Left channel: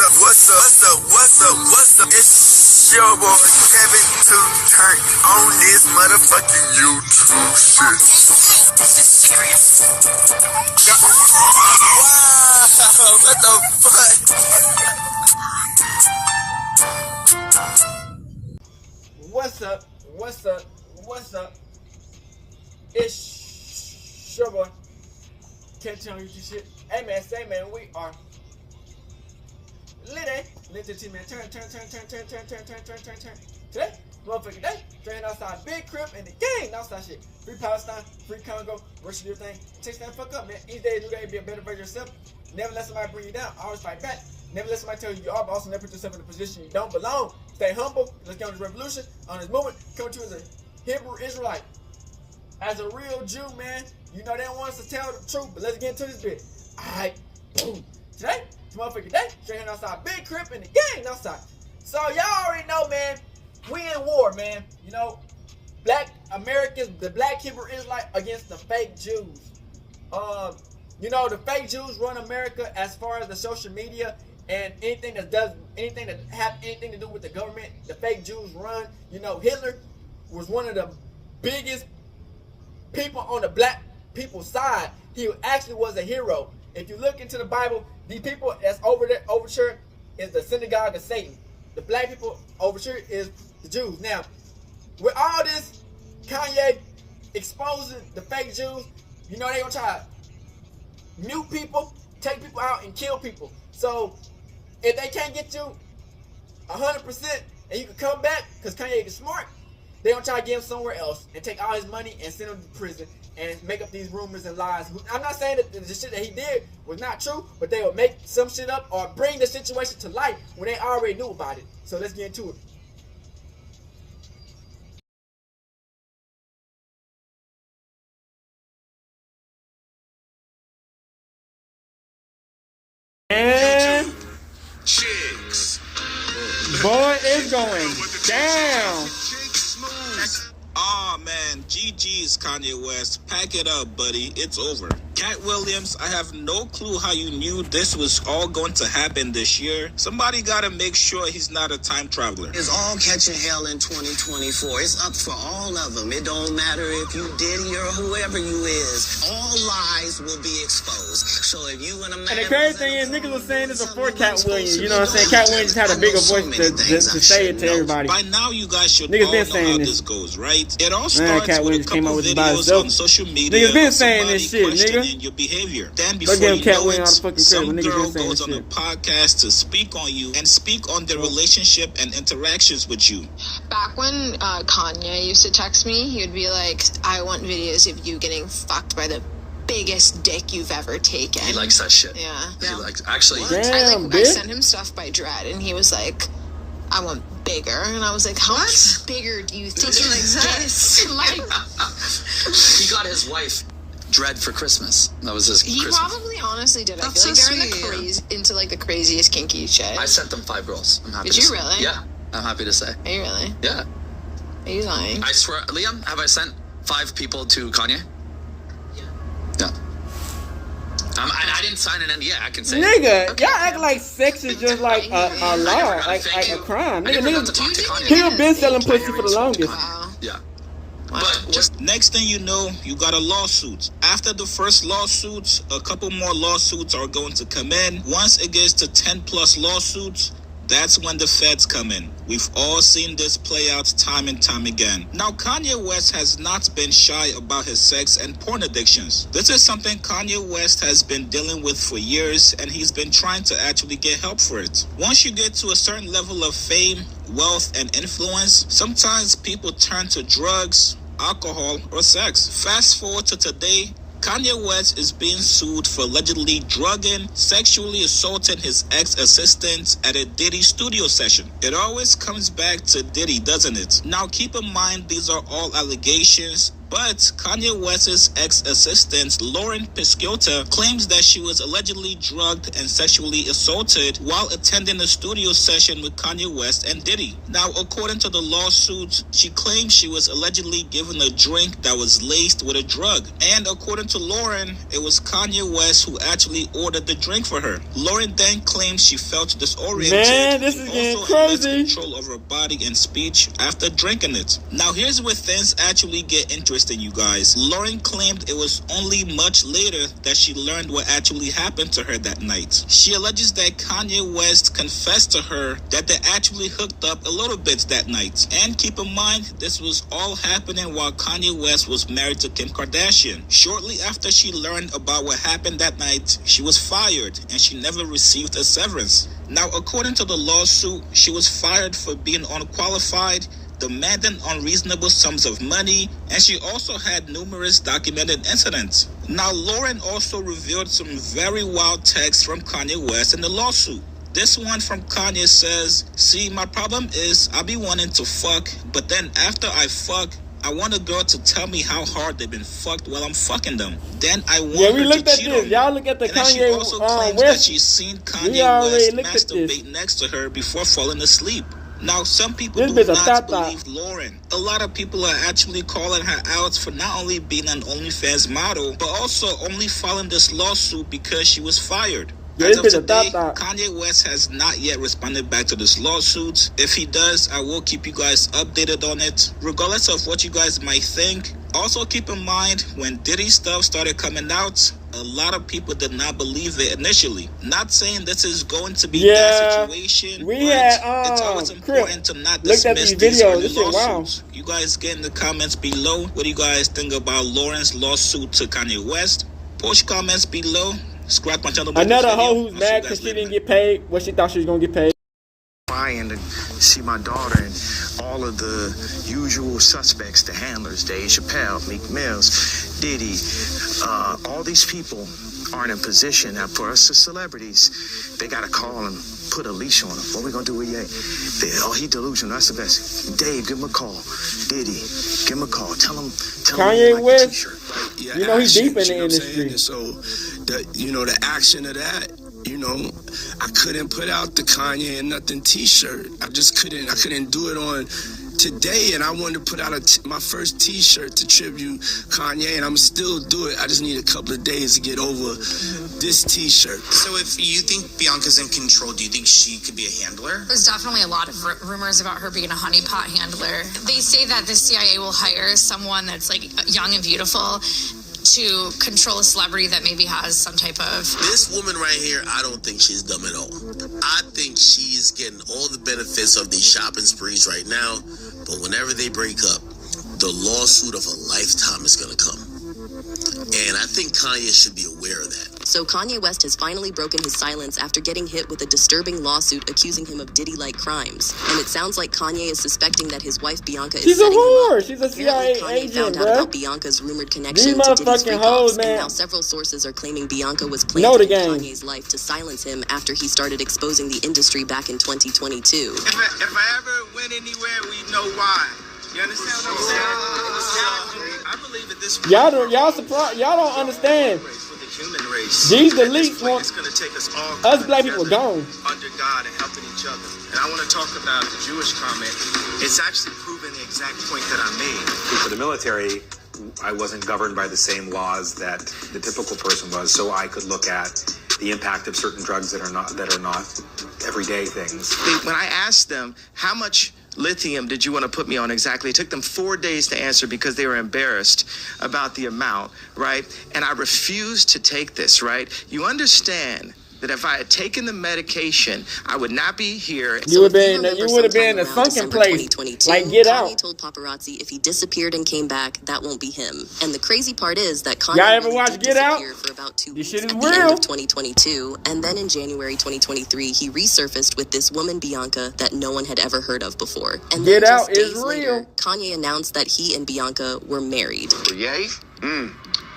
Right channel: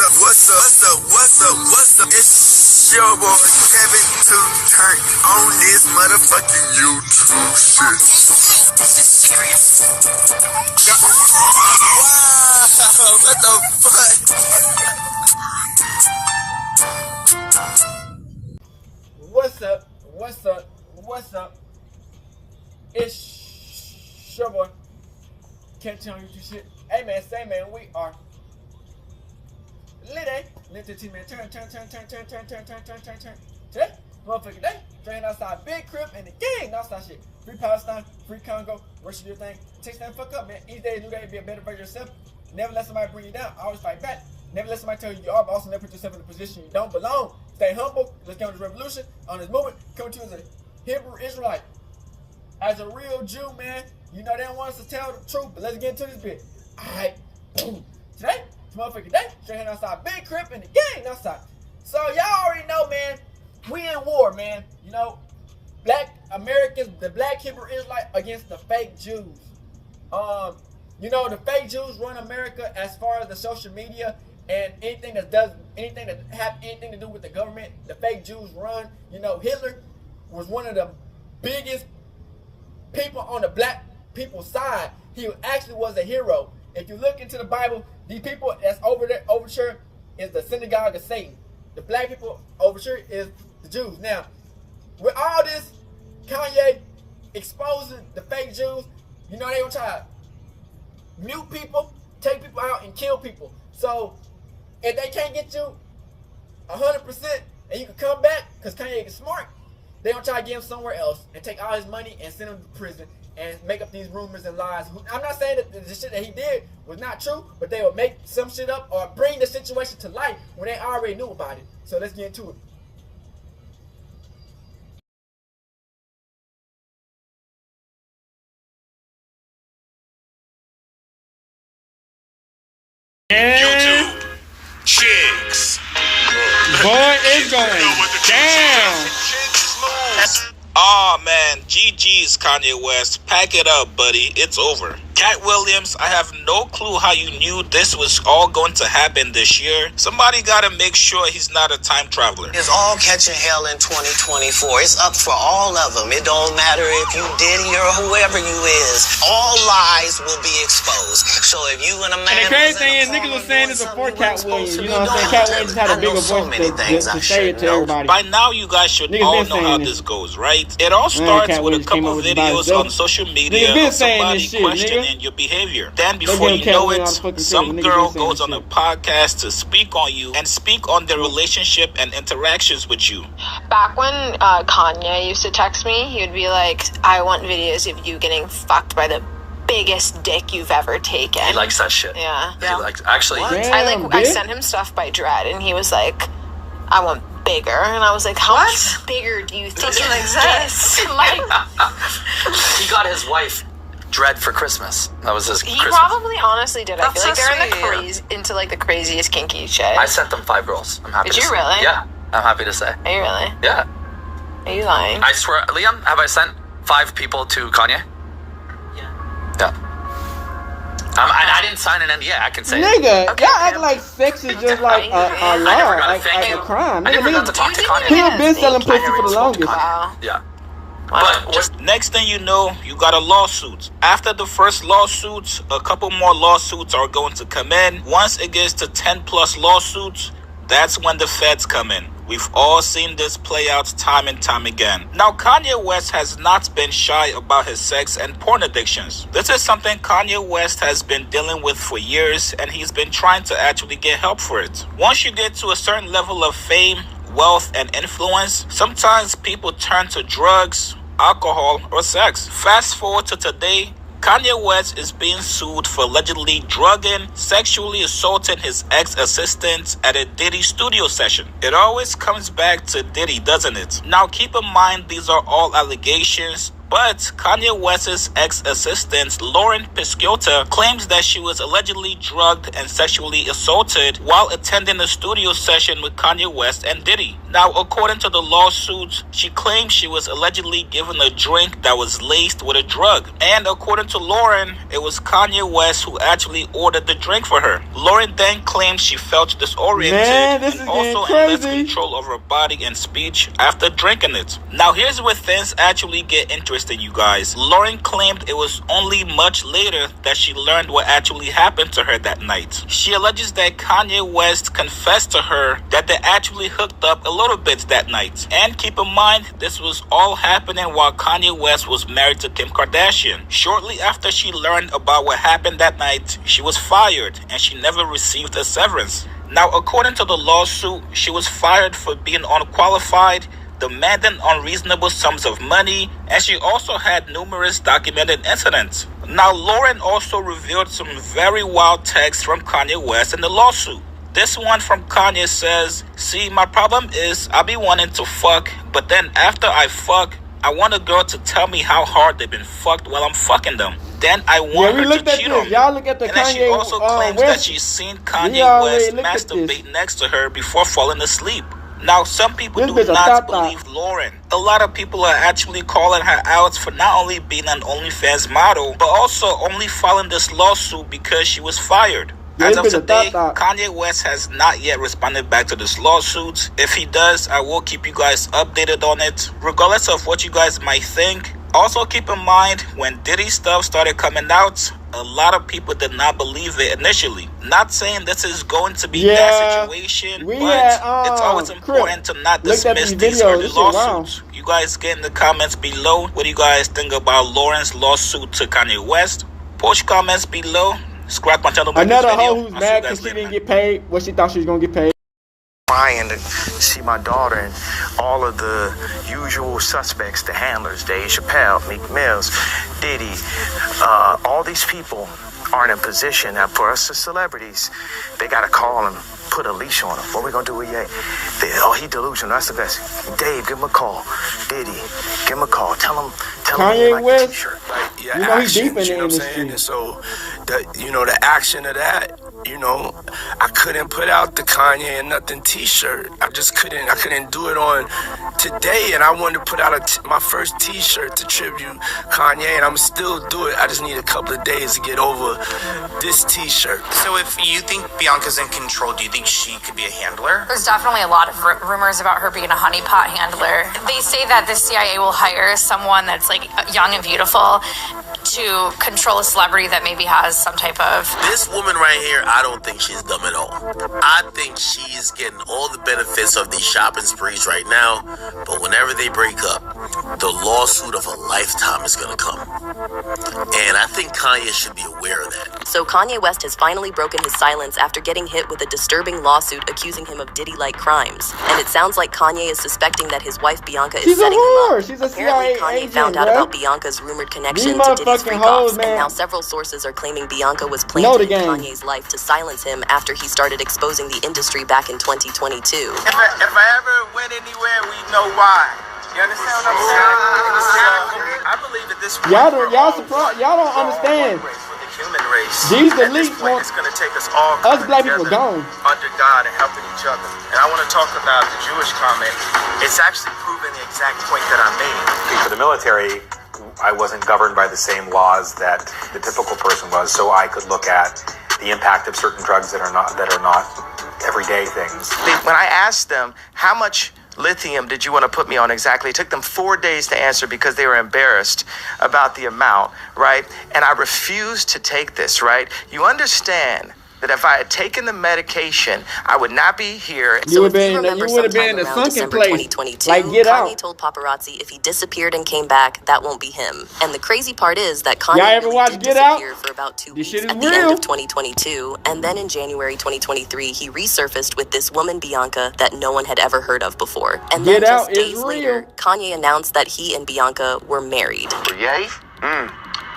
What's up? It's your boy Kevin to turn on this motherfucking YouTube shit. Wow, what the fuck? What's up? It's your boy Kevin to turn on YouTube shit. Hey man, we are Lit to team, man. Turn. Today, motherfucking day. Straight outside, big crib and the gang. Outside shit. Free Palestine, free Congo. Worship your thing. Take that fuck up, man. Each day, new day, be a better version of yourself. Never let somebody bring you down. Always fight back. Never let somebody tell you you are, but also never put yourself in a position you don't belong. Stay humble. Let's get on this revolution, on this movement. Come to you as a Hebrew Israelite. As a real Jew, man. You know they don't want us to tell the truth, but let's get into this bit. Alright, boom. Today, motherfucking day, straight outside, big crib and the gang outside. So y'all already know, man, we in war, man. You know, black Americans, the black Hebrew Israelite against the fake Jews. You know, the fake Jews run America as far as the social media and anything that have anything to do with the government. The fake Jews run. You know, Hitler was one of the biggest people on the black people's side. He actually was a hero. If you look into the Bible, the people that's over there is the synagogue of Satan. The black people over here is the Jews. Now, with all this, Kanye exposing the fake Jews, you know they gonna try to mute people, take people out, and kill people. So, if they can't get you 100% and you can come back, because Kanye is smart, they gonna try to get him somewhere else and take all his money and send him to prison and make up these rumors and lies. I'm not saying that the shit that he did was not true, but they would make some shit up or bring the situation to light when they already knew about it. So let's get into it. And chicks. Boy, it's going down. Aw, man, GG's Kanye West. Pack it up, buddy. It's over. Cat Williams, I have no clue how you knew this was all going to happen this year. Somebody gotta make sure he's not a time traveler. It's all catching hell in 2024. It's up for all of them. It don't matter if you Diddy or whoever you is. All lies will be exposed. So if you and a man... And the crazy thing is, niggas was saying this before Cat Williams. You know what I'm saying? Cat Williams just had a bigger voice to say it to everybody. By now, you guys should niggas all been know how this. this goes, right? It all starts with a couple videos on social media niggas been of saying somebody this shit, questioning nigga. your behavior. Then before you know it, some girl goes on a podcast to speak on you and speak on their relationship and interactions with you. Back when Kanye used to text me, he would be like, I want videos of you getting fucked by the biggest dick you've ever taken. He likes that shit. Yeah. He likes, actually. Damn, I sent him stuff by Dread, and he was like, I want bigger. And I was like, how much bigger do you think doesn't exist? Like, he got his wife Dread for Christmas. That was his Christmas. He probably honestly did. That's I feel so like they're sweet. into like the craziest kinky shit. I sent them 5 girls. I'm happy Did to you say. really? Yeah, I'm happy to say. Are you really? Yeah. Are you lying? I swear, Liam, have I sent 5 people to Kanye? Yeah. I didn't sign an NDA. I can say Nigga, okay, y'all act like sex is just like a law, like a crime. I never got to Nigga, talk to Kanye. people been selling pussy I never for the spoke to longest. Kanye. Yeah. Wow. But just Next thing you know, you got a lawsuit. After the first lawsuit, a couple more lawsuits are going to come in. Once it gets to 10 plus lawsuits, that's when the feds come in. We've all seen this play out time and time again. Now, Kanye West has not been shy about his sex and porn addictions. This is something Kanye West has been dealing with for years, and he's been trying to actually get help for it. Once you get to a certain level of fame, wealth, and influence, sometimes people turn to drugs, alcohol, or sex. Fast forward to today, Kanye West is being sued for allegedly drugging, sexually assaulting his ex-assistant at a Diddy studio session. It always comes back to Diddy, doesn't it? Now keep in mind these are all allegations, But Kanye West's ex-assistant, Lauren Pisciota, claims that she was allegedly drugged and sexually assaulted while attending a studio session with Kanye West and Diddy. Now, according to the lawsuit, she claims she was allegedly given a drink that was laced with a drug. And according to Lauren, it was Kanye West who actually ordered the drink for her. Lauren then claims she felt disoriented Man, this and is also getting lost crazy. control of her body and speech after drinking it. Now, here's where things actually get interesting, you guys. Lauren claimed it was only much later that she learned what actually happened to her that night. She alleges that Kanye West confessed to her that they actually hooked up a little bit that night. And keep in mind, this was all happening while Kanye West was married to Kim Kardashian. Shortly after she learned about what happened that night, she was fired and she never received a severance. Now, according to the lawsuit, she was fired for being unqualified, demanding unreasonable sums of money, and she also had numerous documented incidents. Now, Lauren also revealed some very wild texts from Kanye West in the lawsuit. This one from Kanye says, "See, my problem is I be wanting to fuck, but then after I fuck, I want a girl to tell me how hard they've been fucked while I'm fucking them. Then I want her to cheat on me." Y'all look at the And then she Kanye also claims that West. she's seen We Kanye already West looked at this. masturbate next to her before falling asleep. Now, some people This do bitch a not tata. believe Lauren. A lot of people are actually calling her out for not only being an OnlyFans model, but also only filing this lawsuit because she was fired. As of This bitch a today, tata. Kanye West has not yet responded back to this lawsuit. If he does, I will keep you guys updated on it, regardless of what you guys might think. Also, keep in mind, when Diddy stuff started coming out, a lot of people did not believe it initially. Not saying this is going to be that situation, we but had, it's always important to not looked at dismiss these these videos. early This shit wild. lawsuits. You guys get in the comments below. What do you guys think about Lauren's lawsuit to Kanye West? Post your comments below. Subscribe to my channel. Another video. hoe who's I'll see you mad guys because she later, didn't man. get paid what she thought she was gonna get paid. Trying to see my daughter and all of the usual suspects, the handlers, Dave Chappelle, Meek Mills, Diddy, all these people aren't in position. Now, for us as celebrities, they got to call and put a leash on him. What we gonna do with Ye? He delusional. That's the best. Dave, give him a call. Diddy, give him a call. Tell him Kanye he like West, the t-shirt. you know he's deep in the industry. And so, the action of that, I couldn't put out the Kanye and nothing t-shirt. I couldn't do it on today, and I wanted to put out my first t-shirt to tribute Kanye, and I'm still do it. I just need a couple of days to get over this t-shirt. So if you think Bianca's in control, do you think she could be a handler? There's definitely a lot of rumors about her being a honeypot handler. They say that the CIA will hire someone that's like young and beautiful to control a celebrity that maybe has some type of... This woman right here, I don't think she's dumb at all. I think she's getting all the benefits of these shopping sprees right now, but whenever they break up, the lawsuit of a lifetime is going to come. And I think Kanye should be aware of that. So Kanye West has finally broken his silence after getting hit with a disturbing lawsuit accusing him of Diddy-like crimes. And it sounds like Kanye is suspecting that his wife Bianca is setting him up. She's a Apparently, CIA Kanye agent, found out bruh. about Bianca's rumored connection These to Diddy's motherfucking freak-offs, hoes, man. and now several sources are claiming Bianca was Know the planted in game. Kanye's life to silence him after he started exposing the industry back in 2022. If I ever went anywhere, we know why. You understand what I'm saying? I believe at this point, Y'all surprised? Y'all don't understand. for the human race. These At this Delites point, want it's going to take us all us coming black people together gone. under God and helping each other. And I want to talk about the Jewish comment. It's actually proving the exact point that I made. For the military, I wasn't governed by the same laws that the typical person was, so I could look at the impact of certain drugs that are not everyday things. When I asked them, how much lithium did you want to put me on exactly? It took them 4 days to answer because they were embarrassed about the amount, right? And I refused to take this, right? You understand that if I had taken the medication, I would not be here. You would have been remember in a sometime around sunken December place. 2022, Like, get Kanye out. told paparazzi if he disappeared and came back, that won't be him. And the crazy part is that Kanye Y'all ever really watch did Get Out? disappear for about 2 This weeks shit is at the end real. of 2022, and then in January 2023, he resurfaced with this woman Bianca that no one had ever heard of before. And Get then just Out is days later, real. Kanye announced that he and Bianca were married. Yay?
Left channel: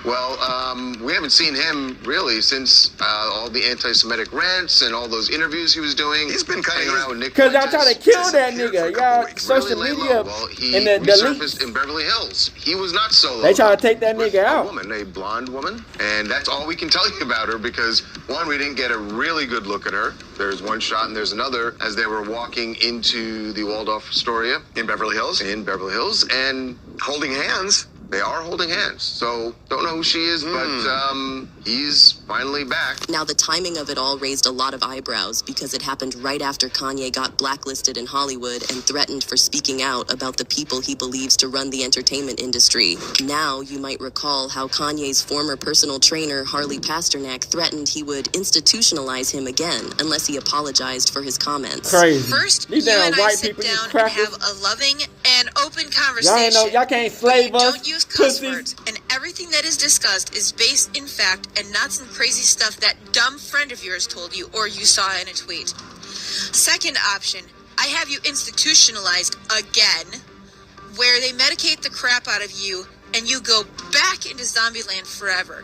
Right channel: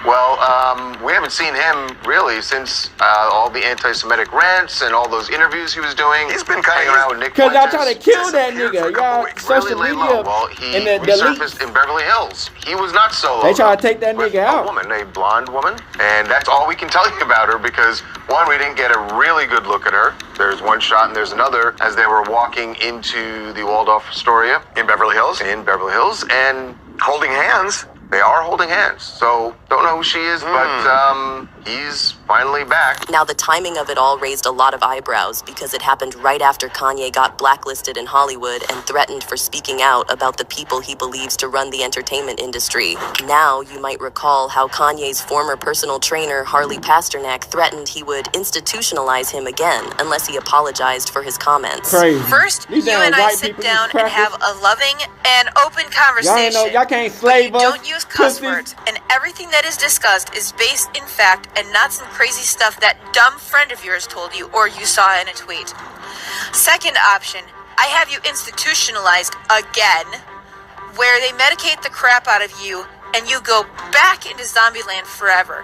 Well, we haven't seen him really since all the anti-Semitic rants and all those interviews he was doing. He's been hanging around with Nick Cause y'all Fuentes. trying to kill that nigga. Y'all social media Well, he and the resurfaced Delites. in Beverly Hills. He was not solo. They trying to take that nigga out. A blonde woman, and that's all we can tell you about her because one, we didn't get a really good look at her. There's one shot and there's another as they were walking into the Waldorf Astoria in Beverly Hills, and holding hands. They are holding hands. So don't know who she is, but he's finally back. Now, the timing of it all raised a lot of eyebrows because it happened right after Kanye got blacklisted in Hollywood and threatened for speaking out about the people he believes to run the entertainment industry. Now, you might recall how Kanye's former personal trainer, Harley Pasternak, threatened he would institutionalize him again unless he apologized for his comments. Crazy. First, These you damn and I white sit people, down you and have a loving and open conversation. Y'all ain't know, y'all can't slave us. Don't use cuss pussies. words, and everything that is discussed is based in fact and not some crazy stuff that dumb friend of yours told you or you saw in a tweet. Second option, I have you institutionalized again, where they medicate the crap out of you and you go back into zombie land forever.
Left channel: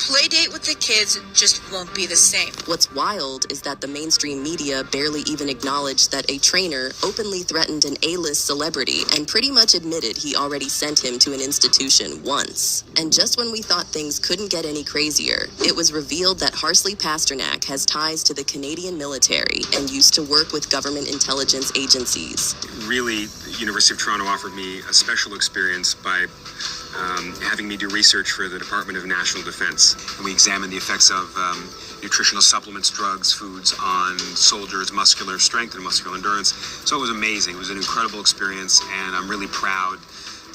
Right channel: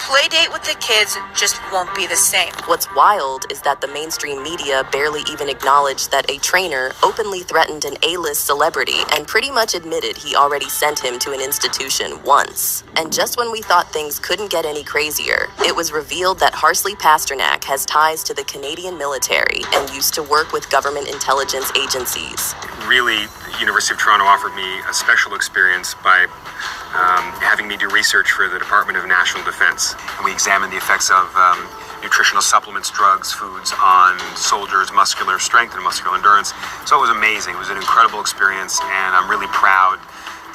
Play date with the kids just won't be the same. What's wild is that the mainstream media barely even acknowledged that a trainer openly threatened an A-list celebrity and pretty much admitted he already sent him to an institution once. And just when we thought things couldn't get any crazier, it was revealed that Harley Pasternak has ties to the Canadian military and used to work with government intelligence agencies. Really, the University of Toronto offered me a special experience by having me do research for the Department of National Defense. And we examined the effects of nutritional supplements, drugs, foods on soldiers' muscular strength and muscular endurance. So it was amazing. It was an incredible experience, and I'm really proud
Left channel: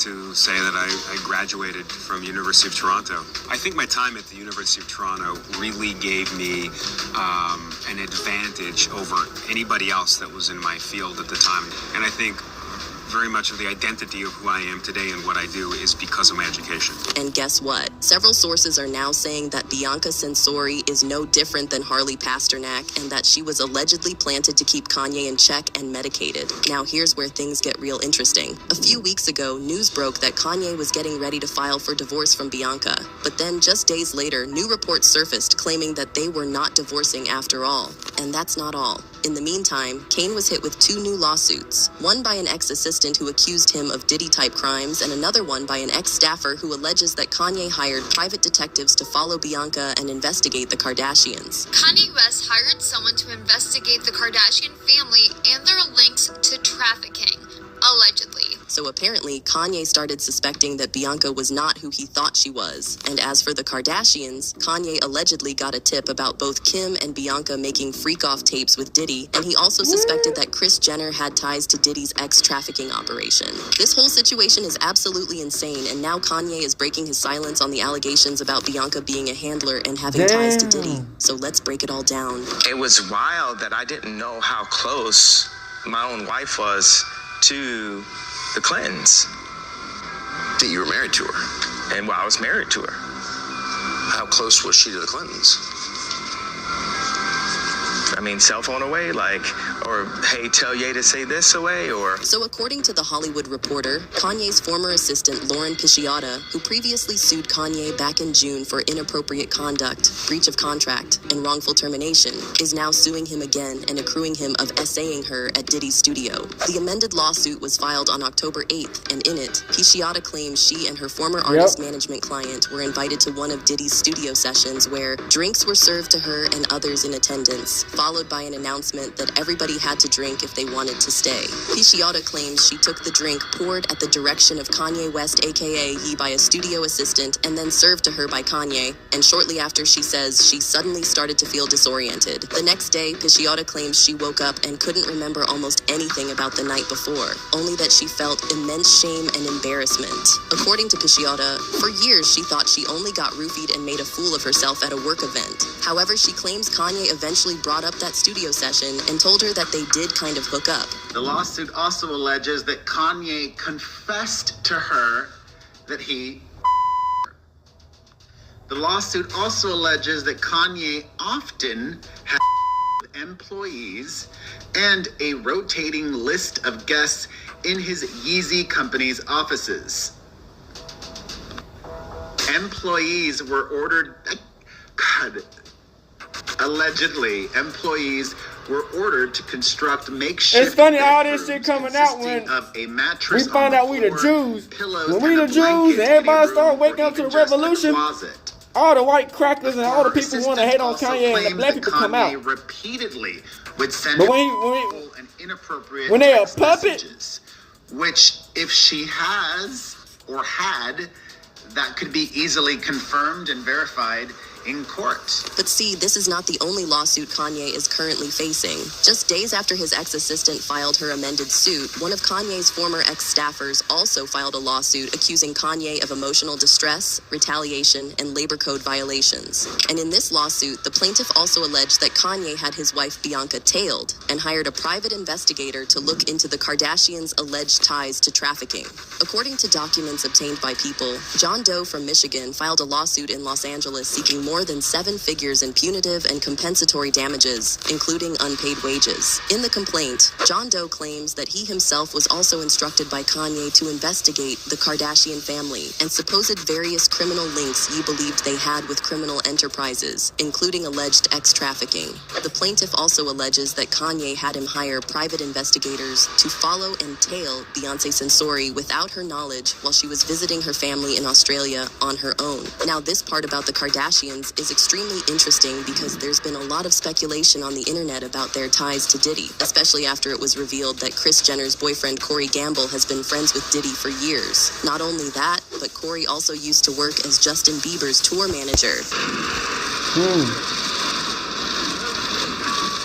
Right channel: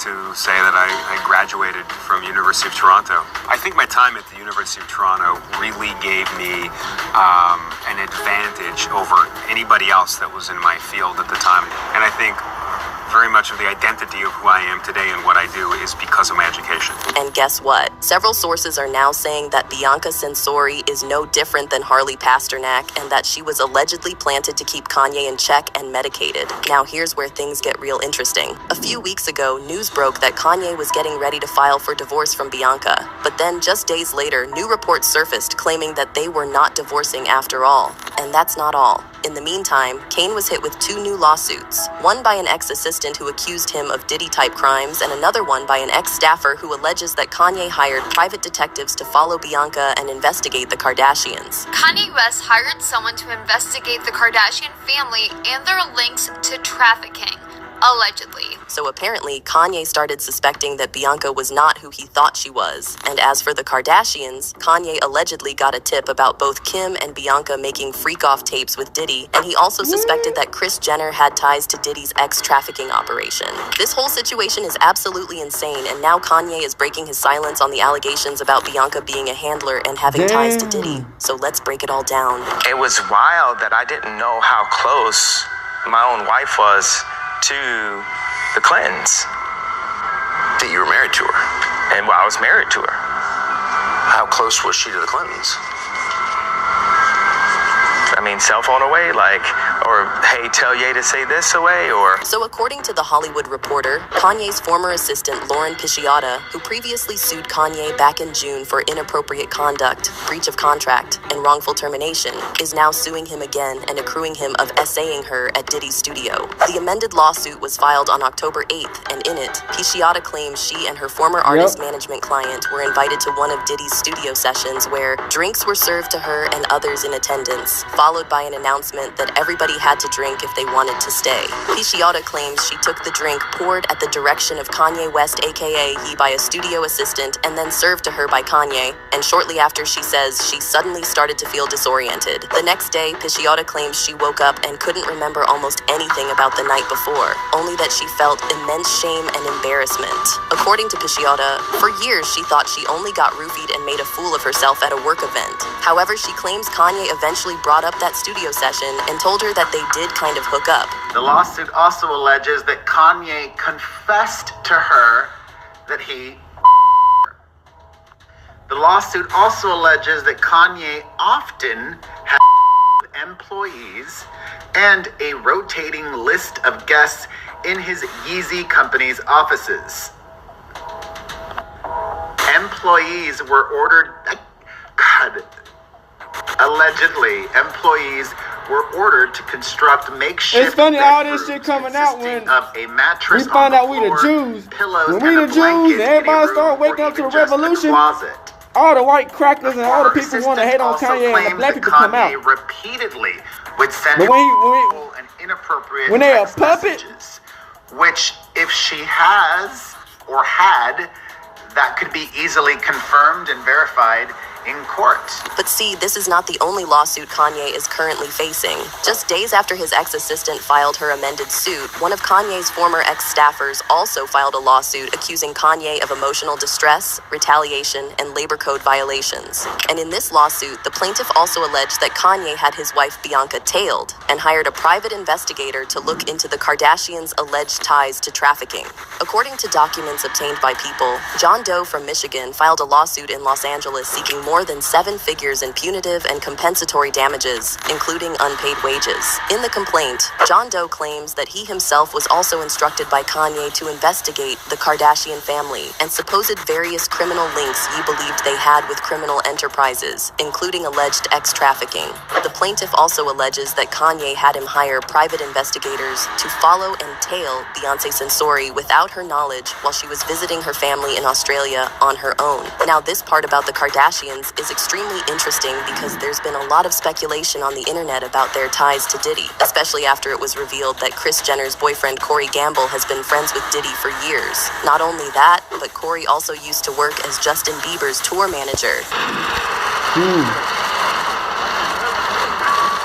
to say that I graduated from University of Toronto. I think my time at the University of Toronto really gave me an advantage over anybody else that was in my field at the time. And I think very much of the identity of who I am today and what I do is because of my education. And guess what? Several sources are now saying that Bianca Censori is no different than Harley Pasternak and that she was allegedly planted to keep Kanye in check and medicated. Now here's where things get real interesting. A few weeks ago, news broke that Kanye was getting ready to file for divorce from Bianca. But then just days later, new reports surfaced claiming that they were not divorcing after all. And that's not all. In the meantime, Kane was hit with 2 new lawsuits, one by an ex-assistant who accused him of Diddy-type crimes, and another one by an ex-staffer who alleges that Kanye hired private detectives to follow Bianca and investigate the Kardashians. Kanye West hired someone to investigate the Kardashian family and their links to trafficking, allegedly. So apparently, Kanye started suspecting that Bianca was not who he thought she was. And as for the Kardashians, Kanye allegedly got a tip about both Kim and Bianca making freak-off tapes with Diddy, and he also suspected that Kris Jenner had ties to Diddy's ex-trafficking operation. This whole situation is absolutely insane, and now Kanye is breaking his silence on the allegations about Bianca being a handler and having ties to Diddy. So let's break it all down. It was wild that I didn't know how close my own wife was to the Clintons. That you were married to her. And I was married to her. How close was she to the Clintons? I mean, cell phone away, or hey, tell Ye to say this away, or... So according to The Hollywood Reporter, Kanye's former assistant Lauren Pisciotta, who previously sued Kanye back in June for inappropriate conduct, breach of contract, and wrongful termination, is now suing him again and accruing him of essaying her at Diddy's studio. The amended lawsuit was filed on October 8th, and in it, Pisciotta claims she and her former artist management client were invited to one of Diddy's studio sessions where drinks were served to her and others in attendance, followed by an announcement that everybody had to drink if they wanted to stay. Pisciotta claims she took the drink poured at the direction of Kanye West, aka Ye, by a studio assistant and then served to her by Kanye, and shortly after she says she suddenly started to feel disoriented. The next day, Pisciotta claims she woke up and couldn't remember almost anything about the night before, only that she felt immense shame and embarrassment. According to Pisciotta, for years she thought she only got roofied and made a fool of herself at a work event. However, she claims Kanye eventually brought up that studio session and told her that they did kind of hook up. The lawsuit also alleges that Kanye confessed to her that he The lawsuit also alleges that Kanye often had employees and a rotating list of guests in his Yeezy company's offices. employees were ordered. God. Allegedly, employees were ordered to construct makeshift. It's funny all this shit coming out when we find out we the Jews. When we the Jews and everybody start waking up to the revolution, all the white crackers and all the people who want to hate on Kanye and the black people come out. Repeatedly would send But an inappropriate when they a text puppet, messages, which if she has or had, that could be easily confirmed and verified in court. But see, this is not the only lawsuit Kanye is currently facing. Just days after his ex-assistant filed her amended suit, one of Kanye's former ex-staffers also filed a lawsuit accusing Kanye of emotional distress, retaliation, and labor code violations. And in this lawsuit, the plaintiff also alleged that Kanye had his wife Bianca tailed and hired a private investigator to look into the Kardashians' alleged ties to trafficking. According to documents obtained by People, John Doe from Michigan filed a lawsuit in Los Angeles seeking more than 7 figures in punitive and compensatory damages, including unpaid wages. In the complaint, John Doe claims that he himself was also instructed by Kanye to investigate the Kardashian family and supposed various criminal links he believed they had with criminal enterprises, including alleged ex-trafficking. The plaintiff also alleges that Kanye had him hire private investigators to follow and tail Beyonce Sensori without her knowledge while she was visiting her family in Australia on her own. Now, this part about the Kardashians is extremely interesting because there's been a lot of speculation on the internet about their ties to Diddy, especially after it was revealed that Kris Jenner's boyfriend Corey Gamble has been friends with Diddy for years. Not only that, but Corey also used to work as Justin Bieber's tour manager.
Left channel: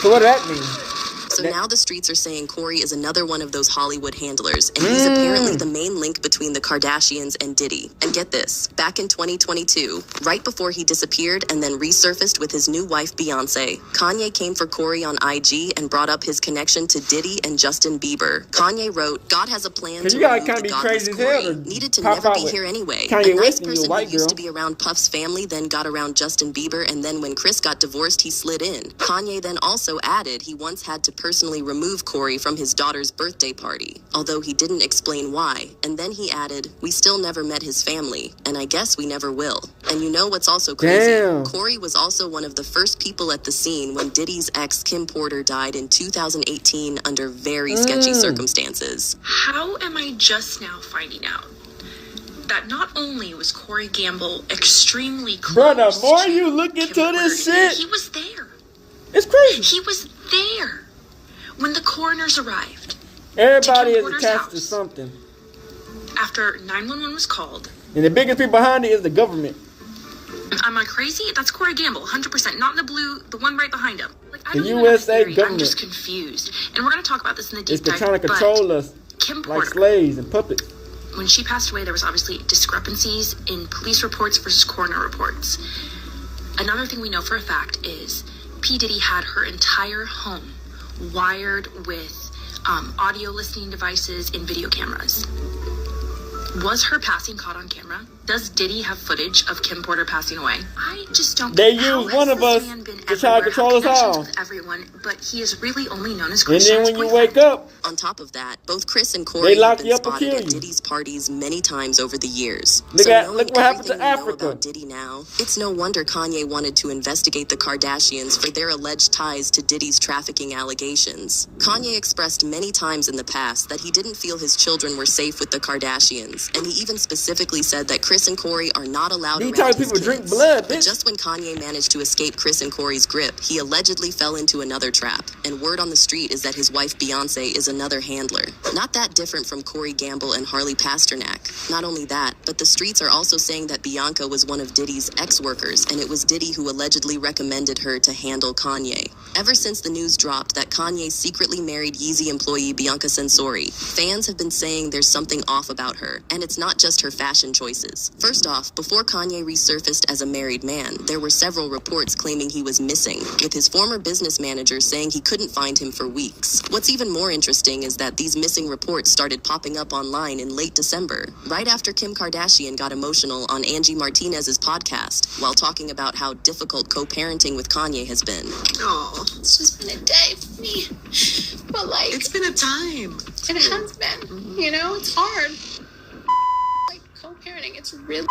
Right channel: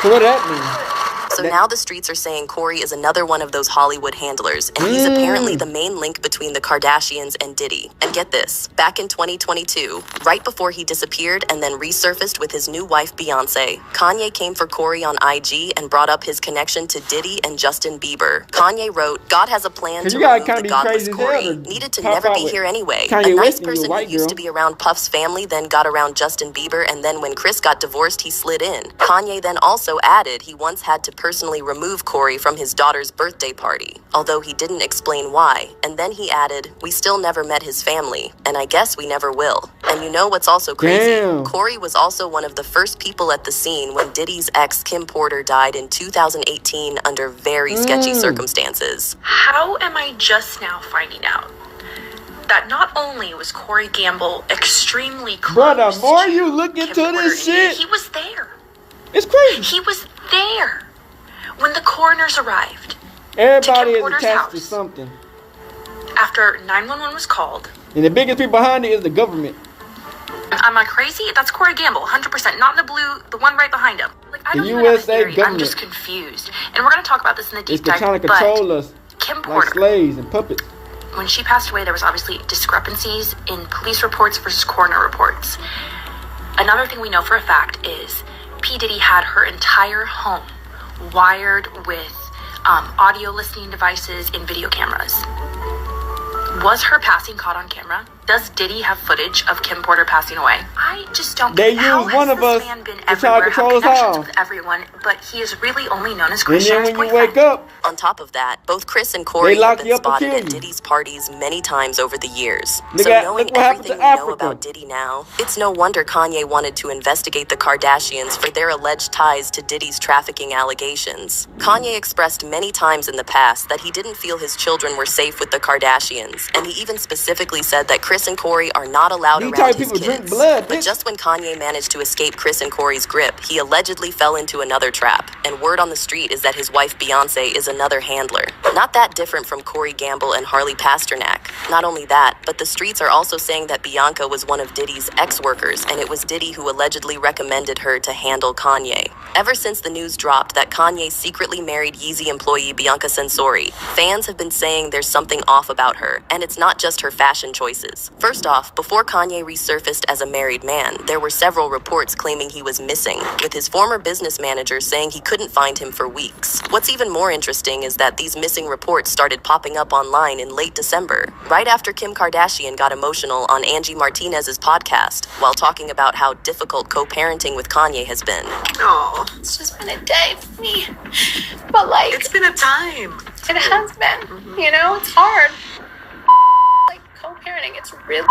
So what does that mean? So now the streets are saying Corey is another one of those Hollywood handlers, and he's apparently the main link between the Kardashians and Diddy. And get this, back in 2022, right before he disappeared and then resurfaced with his new wife Beyonce, Kanye came for Corey on IG and brought up his connection to Diddy and Justin Bieber. Kanye wrote, "God has a plan to remove the godless Corey. Needed to never be here anyway. A nice person who used to be around Puff's family then got around Justin Bieber, and then when Kris got divorced, he slid in." Kanye then also added he once had to personally remove Corey from his daughter's birthday party, although he didn't explain why. And then he added, "We still never met his family, and I guess we never will." And you know what's also crazy? Corey was also one of the first people at the scene when Diddy's ex Kim Porter died in 2018 under very sketchy circumstances. How am I just now finding out that not only was Corey Gamble extremely close, bro, the more you look into this shit, he was there. It's crazy. He was there when the coroners arrived. Everybody is attached to something. After 911 was called. And the biggest people behind it is the government. Am I crazy? That's Corey Gamble, 100%. Not in the blue, the one right behind him. Like, I the don't USA even government. I'm just confused. And we're going to talk about this in the deep dive. They're trying to control us Kim Porter, like slaves and puppets. When she passed away, there was obviously discrepancies in police reports versus coroner reports. Another thing we know for a fact is P. Diddy had her entire home wired with audio listening devices and video cameras. Was her passing caught on camera? Does Diddy have footage of Kim Porter passing away? I just don't They get use one of us to try to control us all. With everyone, but he is really only known as Kris And then when you wake up, on top of that, both Kris and Corey they lock have you been up and spotted kill at you. Diddy's parties many times over the years. Look So at- knowing look what happened to everything we know Africa. about Diddy now, it's no wonder Kanye wanted to investigate the Kardashians for their alleged ties to Diddy's trafficking allegations. Kanye expressed many times in the past that he didn't feel his children were safe with the Kardashians, and he even specifically said that Kris and Corey are not allowed These around type of his people kids. drink blood, But bitch. just when Kanye managed to escape Kris and Corey's grip, he allegedly fell into another trap, and word on the street is that his wife Beyonce is another handler. Not that different from Corey Gamble and Harley Pasternak. Not only that, but the streets are also saying that Bianca was one of Diddy's ex-workers, and it was Diddy who allegedly recommended her to handle Kanye. Ever since the news dropped that Kanye secretly married Yeezy employee Bianca Sensori, fans have been saying there's something off about her, and it's not just her fashion choices. First off, before Kanye resurfaced as a married man, there were several reports claiming he was missing, with his former business manager saying he couldn't find him for weeks. What's even more interesting is that these missing reports started popping up online in late December, right after Kim Kardashian got emotional on Angie Martinez's podcast, while talking about how difficult co-parenting with Kanye has been. Oh, it's just been a day for me. But like, it's been a time. It has been. You know, it's hard. Like co-parenting, it's really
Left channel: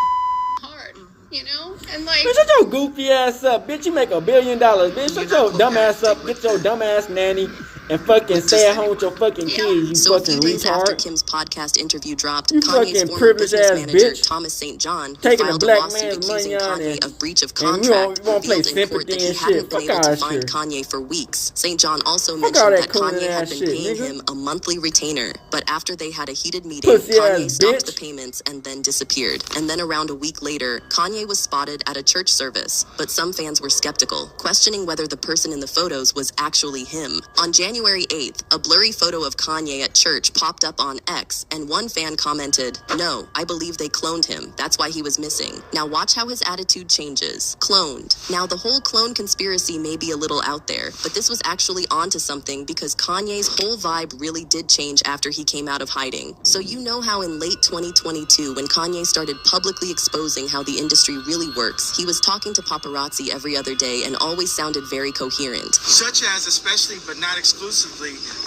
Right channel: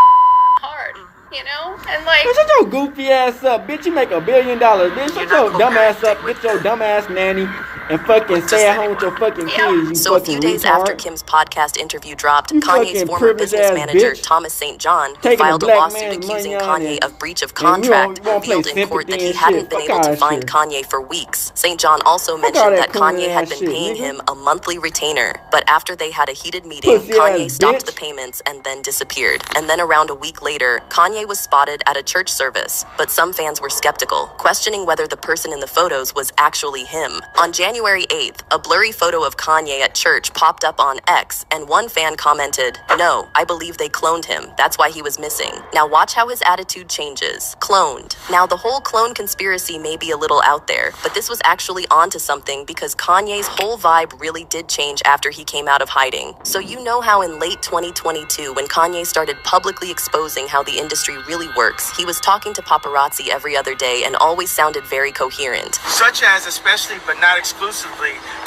hard. you know? And like, Bitch, shut your goofy ass up, bitch. You make $1 billion, bitch. Shut your dumb ass up. Get your dumb ass nanny and fucking stay at home with your fucking kids. You So a fucking few days after retard. Kim's podcast interview dropped, You Kanye's fucking former privileged business ass manager, bitch. Thomas St. John, Taking a filed a black lawsuit man's accusing money on Kanye it. of breach of And we contract, won't play revealed in court that sympathy he and hadn't shit. been Fuck able all to that find shit. Kanye for weeks. St. John also Fuck all mentioned that that Kanye cooning had ass been shit, paying nigga. him a monthly retainer, but after they had a heated meeting, Pussy Kanye ass stopped bitch. the payments and then disappeared. And then around a week later, Kanye was spotted at a church service, but some fans were skeptical, questioning whether the person in the photos was actually him. On January 8th, a blurry photo of Kanye at church popped up on X, and one fan commented, "No, I believe they cloned him. That's why he was missing." Now watch how his attitude changes. Cloned. Now the whole clone conspiracy may be a little out there, but this was actually onto something because Kanye's whole vibe really did change after he came out of hiding. So you know how in late 2022, when Kanye started publicly exposing how the industry really works, he was talking to paparazzi every other day and always sounded very coherent. Such as, especially but not exclusively,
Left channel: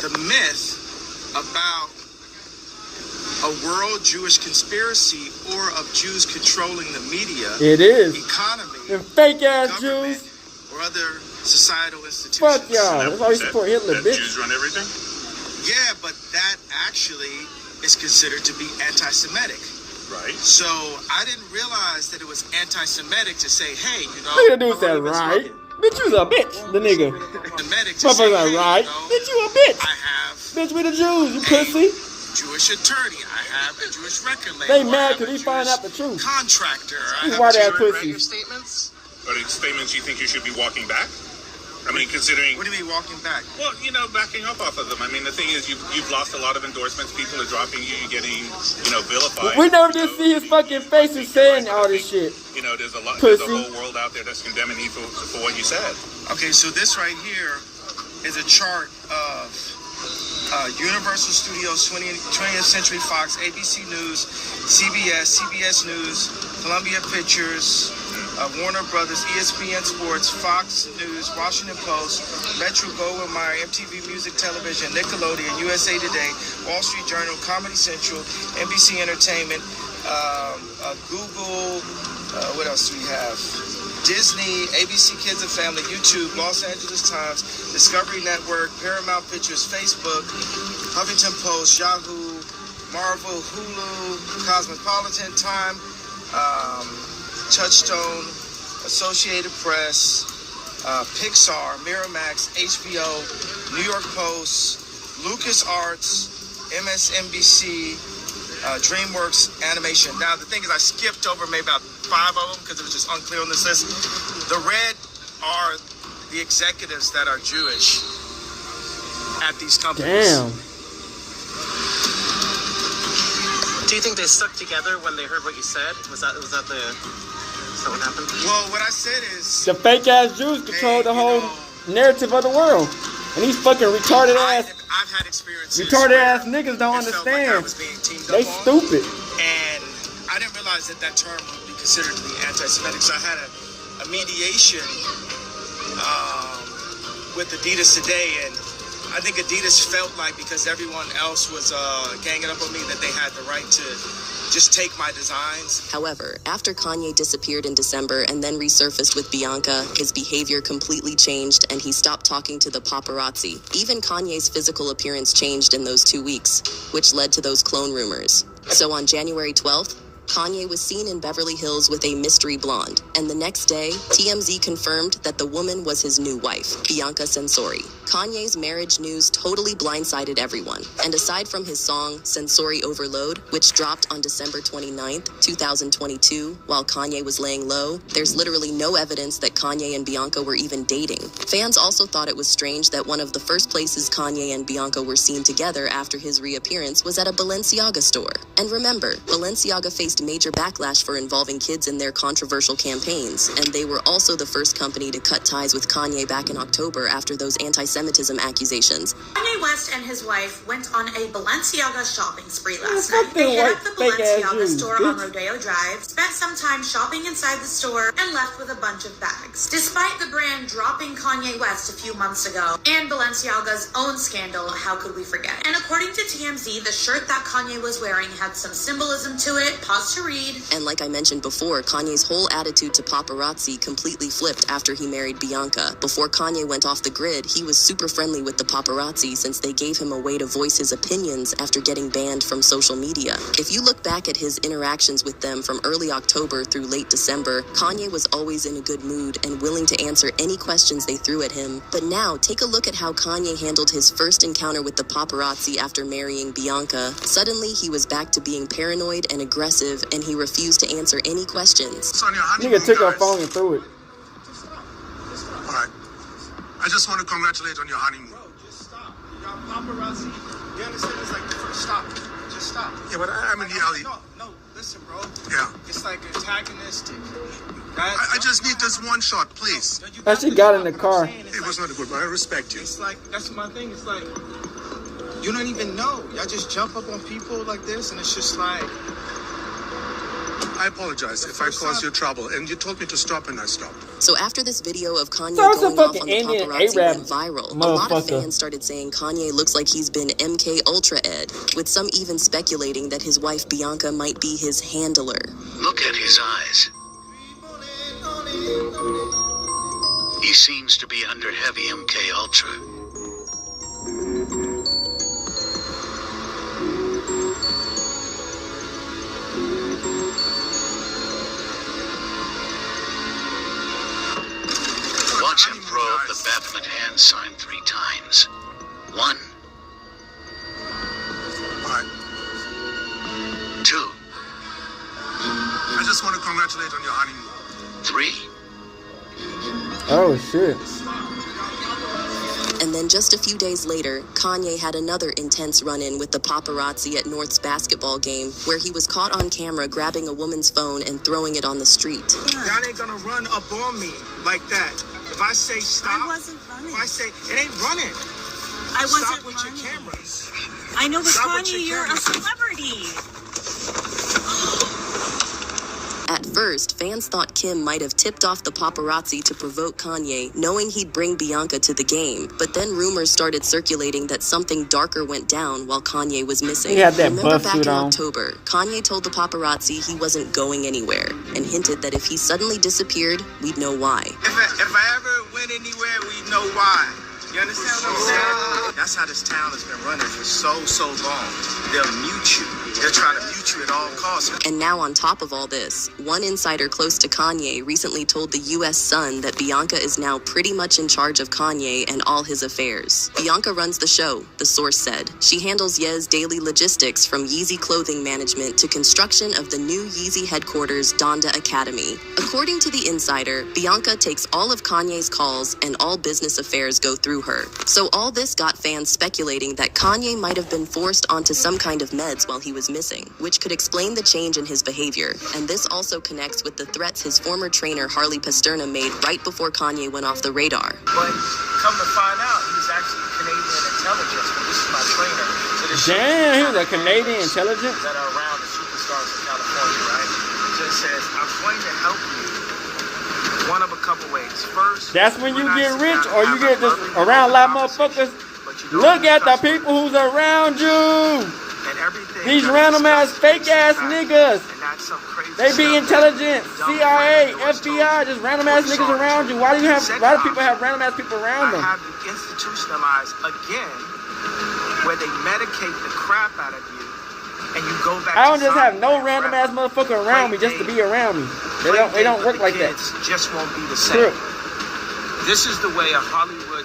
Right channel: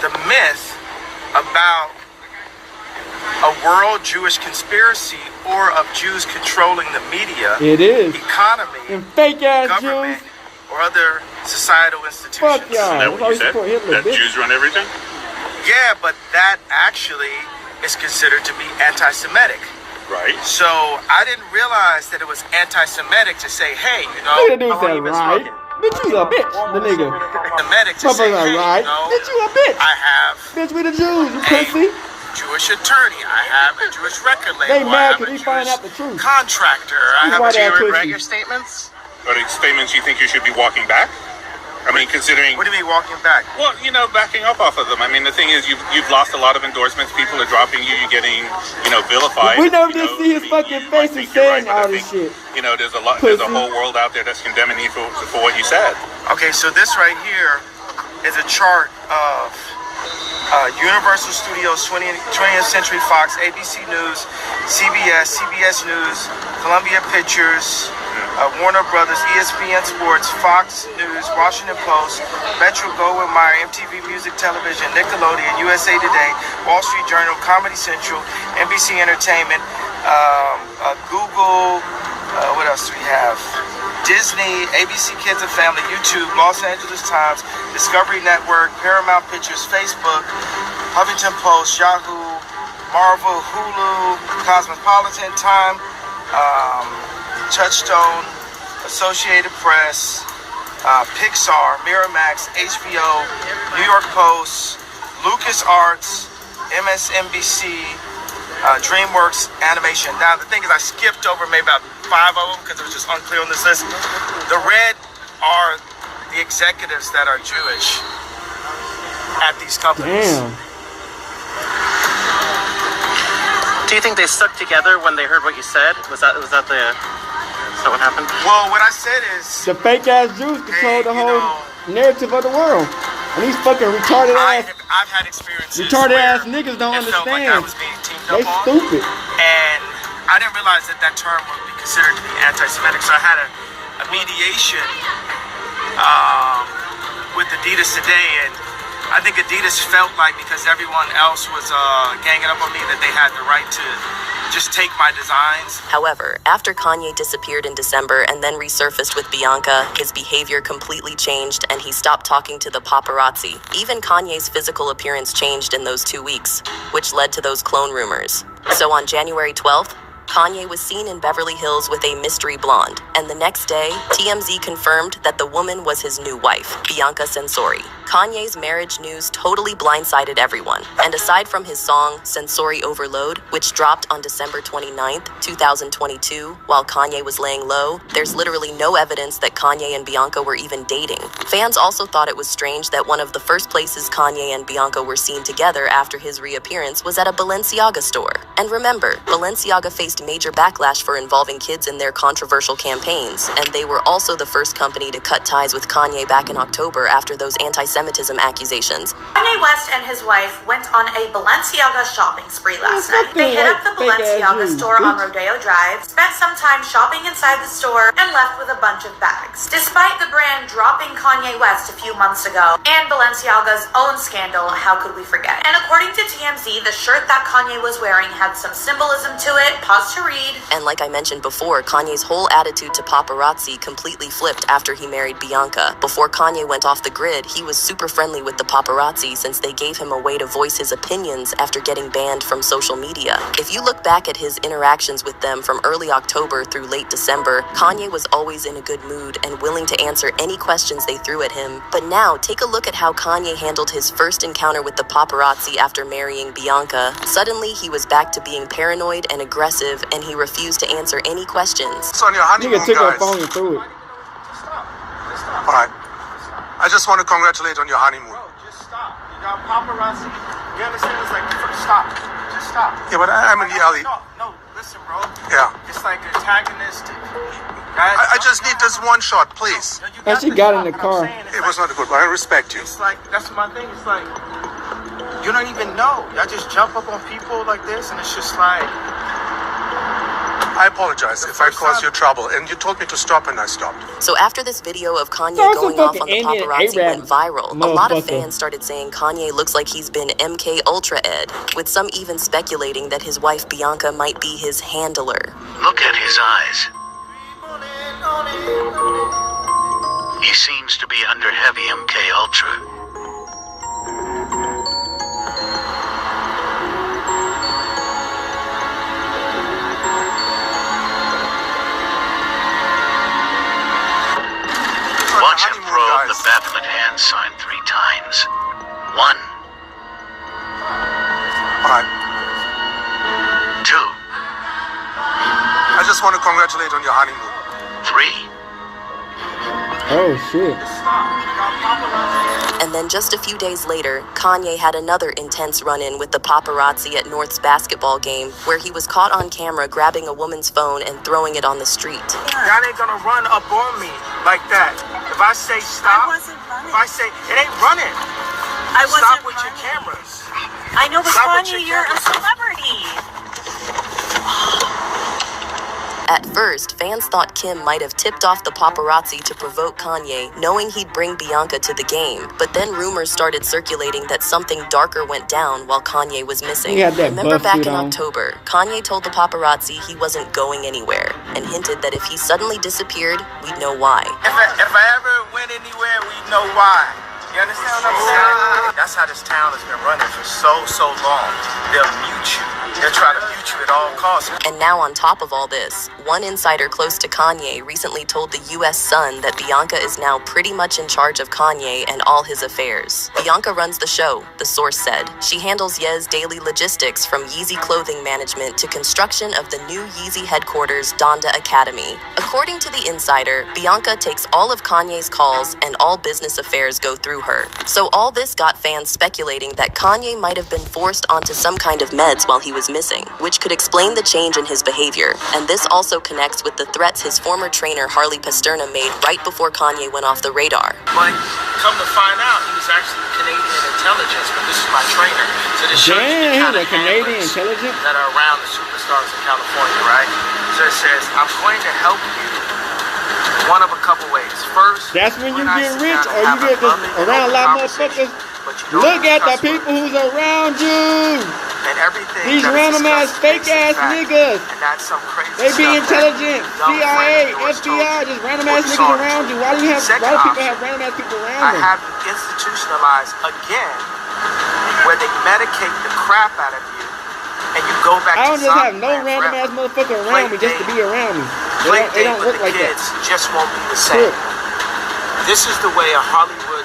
the myth about a world Jewish conspiracy or of Jews controlling the media, It is. economy, Them fake ass government, Jews. or other societal institutions. Fuck y'all. That's why you support Hitler, bitch. Jews run everything? Yeah, but that actually is considered to be anti-Semitic. Right. So I didn't realize that it was anti-Semitic to say, hey, you know. Look at the dude said, right? Bitch, you's a bitch, the nigga. Semitic to say, Motherfucker, hey, right? you know, Bitch, you a bitch. I have Bitch, we the Jews, you pussy. Jewish attorney. I have a Jewish record label. They I mad have because a he find out the truth. contractor. I These have white a ass pussy. statements? Are the statements you think you should be walking back? I mean, considering... What do you mean walking back? Well, you know, backing up off of them. I mean, the thing is, you've lost a lot of endorsements. People are dropping you. You're getting, vilified. We never did see his fucking face and saying all this shit. You know, there's a lot. Pussy. There's a whole world out there that's condemning you for what you said. Okay, so this right here is a chart of Universal Studios, 20th Century Fox, ABC News, CBS News, Columbia Pictures, Warner Brothers, ESPN Sports, Fox News, Washington Post, Metro Goldwyn Mayer, MTV Music Television, Nickelodeon, USA Today, Wall Street Journal, Comedy Central, NBC Entertainment, Google, what else do we have? Disney, ABC Kids and Family, YouTube, Los Angeles Times, Discovery Network, Paramount Pictures, Facebook, Huffington Post, Yahoo, Marvel, Hulu, Cosmopolitan, Time, Touchstone, Associated Press, Pixar, Miramax, HBO, New York Post, LucasArts, MSNBC, DreamWorks Animation. Now, the thing is, I skipped over maybe about 5 of them because it was just unclear on this list. The red are the executives that are Jewish at these companies. Damn. Do you think they stuck together when they heard what you said? Was that what happened? Well, what I said is The fake ass Jews control the whole narrative of the world. And these fucking retarded ass niggas don't understand. They stupid. And I didn't realize that term would be considered to be anti-Semitic. So I had a mediation with Adidas today, and I think Adidas felt like because everyone else was ganging up on me that they had the right to just take my designs. However, after Kanye disappeared in December and then resurfaced with Bianca, his behavior completely changed and he stopped talking to the paparazzi. Even Kanye's physical appearance changed in those 2 weeks, which led to those clone rumors. So on January 12th, Kanye was seen in Beverly Hills with a mystery blonde, and the next day, TMZ confirmed that the woman was his new wife, Bianca Censori. Kanye's marriage news totally blindsided everyone, and aside from his song, Sensory Overload, which dropped on December 29th, 2022, while Kanye was laying low, there's literally no evidence that Kanye and Bianca were even dating. Fans also thought it was strange that one of the first places Kanye and Bianca were seen together after his reappearance was at a Balenciaga store. And remember, Balenciaga faced major backlash for involving kids in their controversial campaigns, and they were also the first company to cut ties with Kanye back in October after those anti-Semitism accusations. Kanye West and his wife went on a Balenciaga shopping spree last night. They hit up the Balenciaga store on Rodeo Drive, spent some time shopping inside the store, and left with a bunch of bags. Despite the brand dropping Kanye West a few months ago, and Balenciaga's own scandal, how could we forget? And according to TMZ, the shirt that Kanye was wearing had some symbolism to it. Pause to read. And like I mentioned before, Kanye's whole attitude to paparazzi completely flipped after he married Bianca. Before Kanye went off the grid, he was super friendly with the paparazzi since they gave him a way to voice his opinions after getting banned from social media. If you look back at his interactions with them from early October through late December, Kanye was always in a good mood and willing to answer any questions they threw at him. But now, take a look at how Kanye handled his first encounter with the paparazzi after marrying Bianca. Suddenly, he was back to being paranoid and aggressive, and he refused to answer any questions. It's on your honeymoon, Nigga took her guys. phone and threw it. All right. I just want to congratulate on your honeymoon. Y'all paparazzi, you understand? It's like, stop. Just stop. Yeah, but I'm in the alley. No, listen, bro. Yeah. It's like antagonistic. I just need this one shot, please. And she got in the car. It was not good, but I respect you. It's like, that's my thing. It's like, you don't even know. Y'all just jump up on people like this, and it's just like... I apologize if I caused you trouble, and you told me to stop, and I stopped. So after this video of Kanye So going off on the Indian paparazzi Arab went viral, a lot of motherfucker. fans started saying Kanye looks like he's been MK Ultra Ed, with some even speculating that his wife Bianca might be his handler. Look at his eyes. He seems to be under heavy MK Ultra. Watch him probe the baffled hand sign 3 times. 1. All right. 2. I just want to congratulate on your honeymoon. 3. Oh, shit. And then just a few days later, Kanye had another intense run-in with the paparazzi at North's basketball game, where he was caught on camera grabbing a woman's phone and throwing it on the street. Y'all ain't gonna run up on me like that. If I say stop, if I say, it ain't running. I wasn't Stop with running. your cameras. I know, but Stop with Kanye, your you're a cameras. celebrity. At first, fans thought Kim might have tipped off the paparazzi to provoke Kanye, knowing he'd bring Bianca to the game. But then rumors started circulating that something darker went down while Kanye was missing. He had that Remember buff back suit in on. October, Kanye told the paparazzi he wasn't going anywhere and hinted that if he suddenly disappeared, we'd know why. If I ever went anywhere, we know why. You understand what I'm saying? That's how this town has been running for so long. They'll mute you. They'll try to mute you at all costs. And now on top of all this, one insider close to Kanye recently told the U.S. Sun that Bianca is now pretty much in charge of Kanye and all his affairs. Bianca runs the show, the source said. She handles Ye's daily logistics from Yeezy clothing management to construction of the new Yeezy headquarters, Donda Academy. According to the insider, Bianca takes all of Kanye's calls and all business affairs go through her. So all this got fans speculating that Kanye might have been forced onto some kind of meds while he was missing, which could explain the change in his behavior. And this also connects with the threats his former trainer Harley Pasterna made right before Kanye went off the radar. But come to find out, he's actually Canadian intelligence, but this is my trainer. So this shows Damn, you he's a Canadian intelligence. that are around the superstars in California, right? So it says, I'm going to help you one of a couple ways. First, That's when you when I get sit rich down or and you have get a this loving, around a lot of open motherfuckers. but you don't Look at the discuss people who's around you. and everything These that is random ass discussed fake is ass fact. niggas. And that's some crazy They be stuff intelligent. that young CIA, friend of yours told FBI, you just random ass or niggas saw. around you. Why do you have? Second Why do people option, have random ass people I around them? have you institutionalized again, where they medicate the crap out of you, and you go back. I don't to just have zombie no land random forever. ass motherfucker around me just to be around me. They don't work like that. Just won't be the same. True. This is the way a Hollywood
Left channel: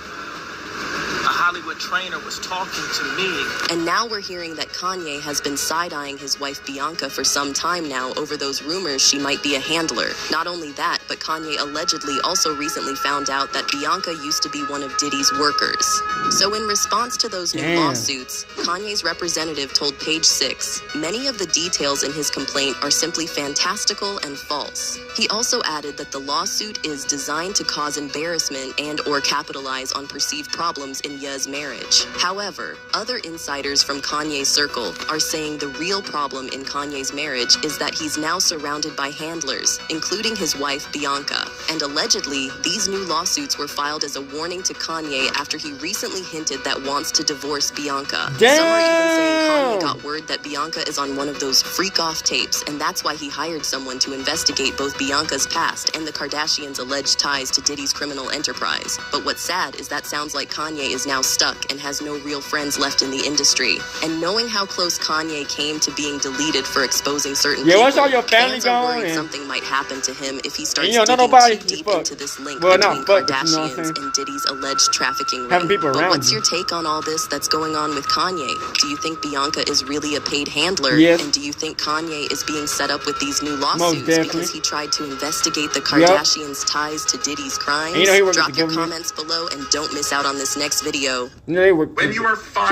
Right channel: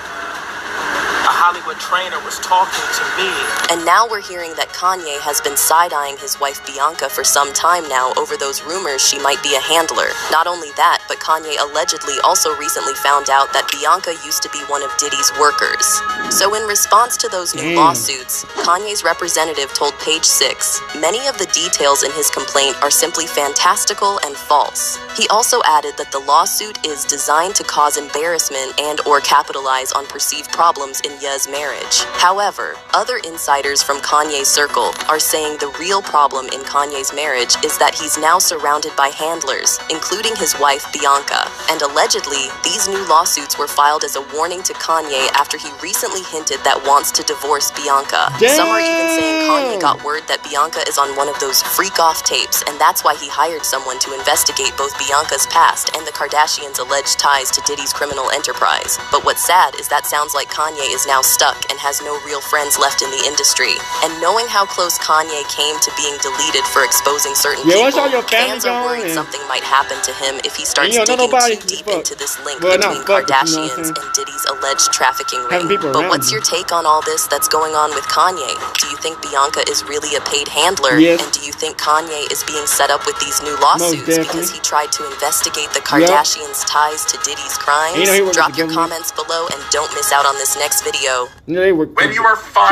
trainer was talking to me. And now we're hearing that Kanye has been side-eyeing his wife Bianca for some time now over those rumors she might be a handler. Not only that, but Kanye allegedly also recently found out that Bianca used to be one of Diddy's workers. So in response to those new lawsuits, Kanye's representative told Page Six, many of the details in his complaint are simply fantastical and false. He also added that the lawsuit is designed to cause embarrassment and or capitalize on perceived problems in Ye's marriage. However, other insiders from Kanye's circle are saying the real problem in Kanye's marriage is that he's now surrounded by handlers, including his wife Bianca. And allegedly, these new lawsuits were filed as a warning to Kanye after he recently hinted that wants to divorce Bianca. Some are even saying Kanye got word that Bianca is on one of those freak-off tapes, and that's why he hired someone to investigate both Bianca's past and the Kardashians' alleged ties to Diddy's criminal enterprise. But what's sad is that sounds like Kanye is now stuck and has no real friends left in the industry. And knowing how close Kanye came to being deleted for exposing certain people, fans are worried something might happen to him if he starts digging too deep into this link between Kardashians and Diddy's alleged trafficking ring. But what's your take on all this that's going on with Kanye? Do you think Bianca is really a paid handler? And do you think Kanye is being set up with these new lawsuits because he tried to investigate the Kardashians' ties to Diddy's crimes? Drop your comments below and don't miss out on this next video. When you are fine.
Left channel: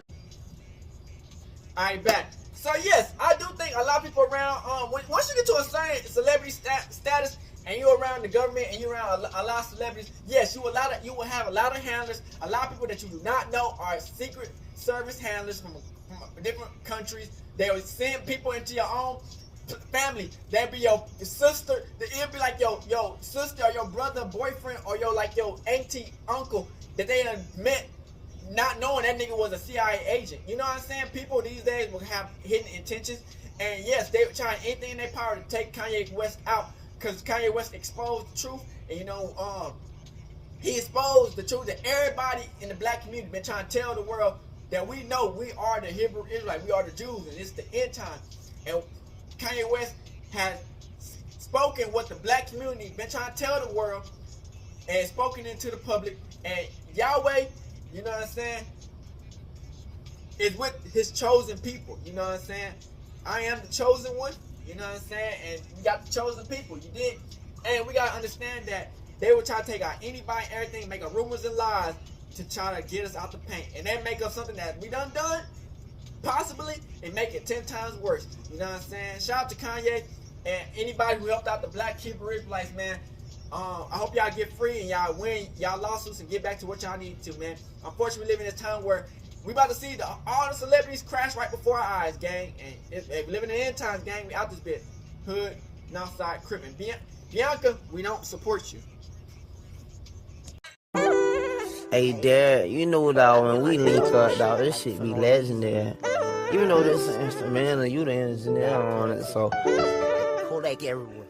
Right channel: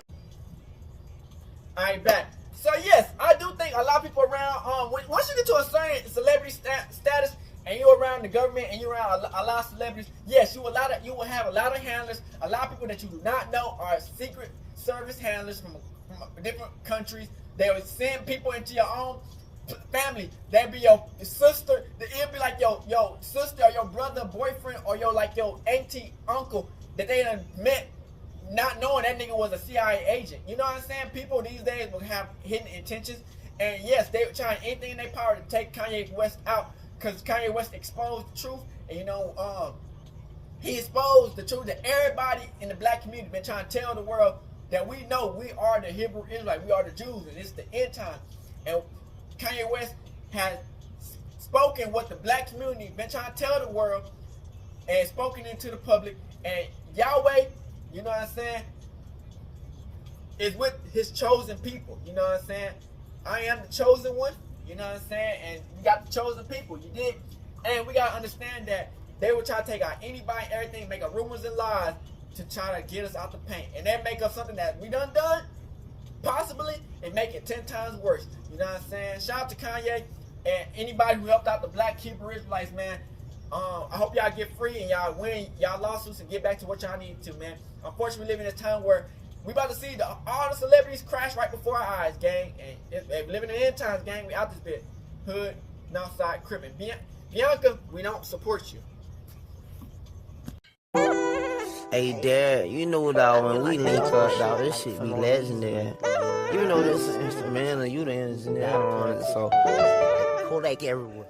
Alright, back. So yes, I do think a lot of people around, once you get to a certain celebrity status and you're around the government and you're around a lot of celebrities, yes, you will have a lot of handlers, a lot of people that you do not know are secret service handlers from different countries. They will send people into your own family. That'd be your sister. It'll be like your sister or your brother, boyfriend, or your auntie, uncle that they done met, not knowing that nigga was a CIA agent. You know what I'm saying? People these days will have hidden intentions, and yes, they were trying anything in their power to take Kanye West out, because Kanye West exposed the truth, and he exposed the truth that everybody in the black community been trying to tell the world, that we know we are the Hebrew Israelites, we are the Jews, and it's the end time. And Kanye West has spoken what the black community been trying to tell the world, and spoken into the public, and Yahweh, you know what I'm saying, is with his chosen people. You know what I'm saying? I am the chosen one. You know what I'm saying? And we got the chosen people. You did? And we got to understand that they will try to take out anybody, everything, make up rumors and lies to try to get us out the paint. And then make up something that we done, possibly, and make it 10 times worse. You know what I'm saying? Shout out to Kanye and anybody who helped out the black Hebrew Israelites, man. I hope y'all get free and y'all win y'all lawsuits and get back to what y'all need to, man. Unfortunately, we live in this time where we about to see all the celebrities crash right before our eyes, gang. And if living in the end times, gang, we out this bit. Hood, Northside, crippin'. Bianca, we don't support you. Hey, Dad, you know, dog, when we link up, dog, this shit be legendary. Even though this is instrumental, you the engineer on it, so Kodak everywhere.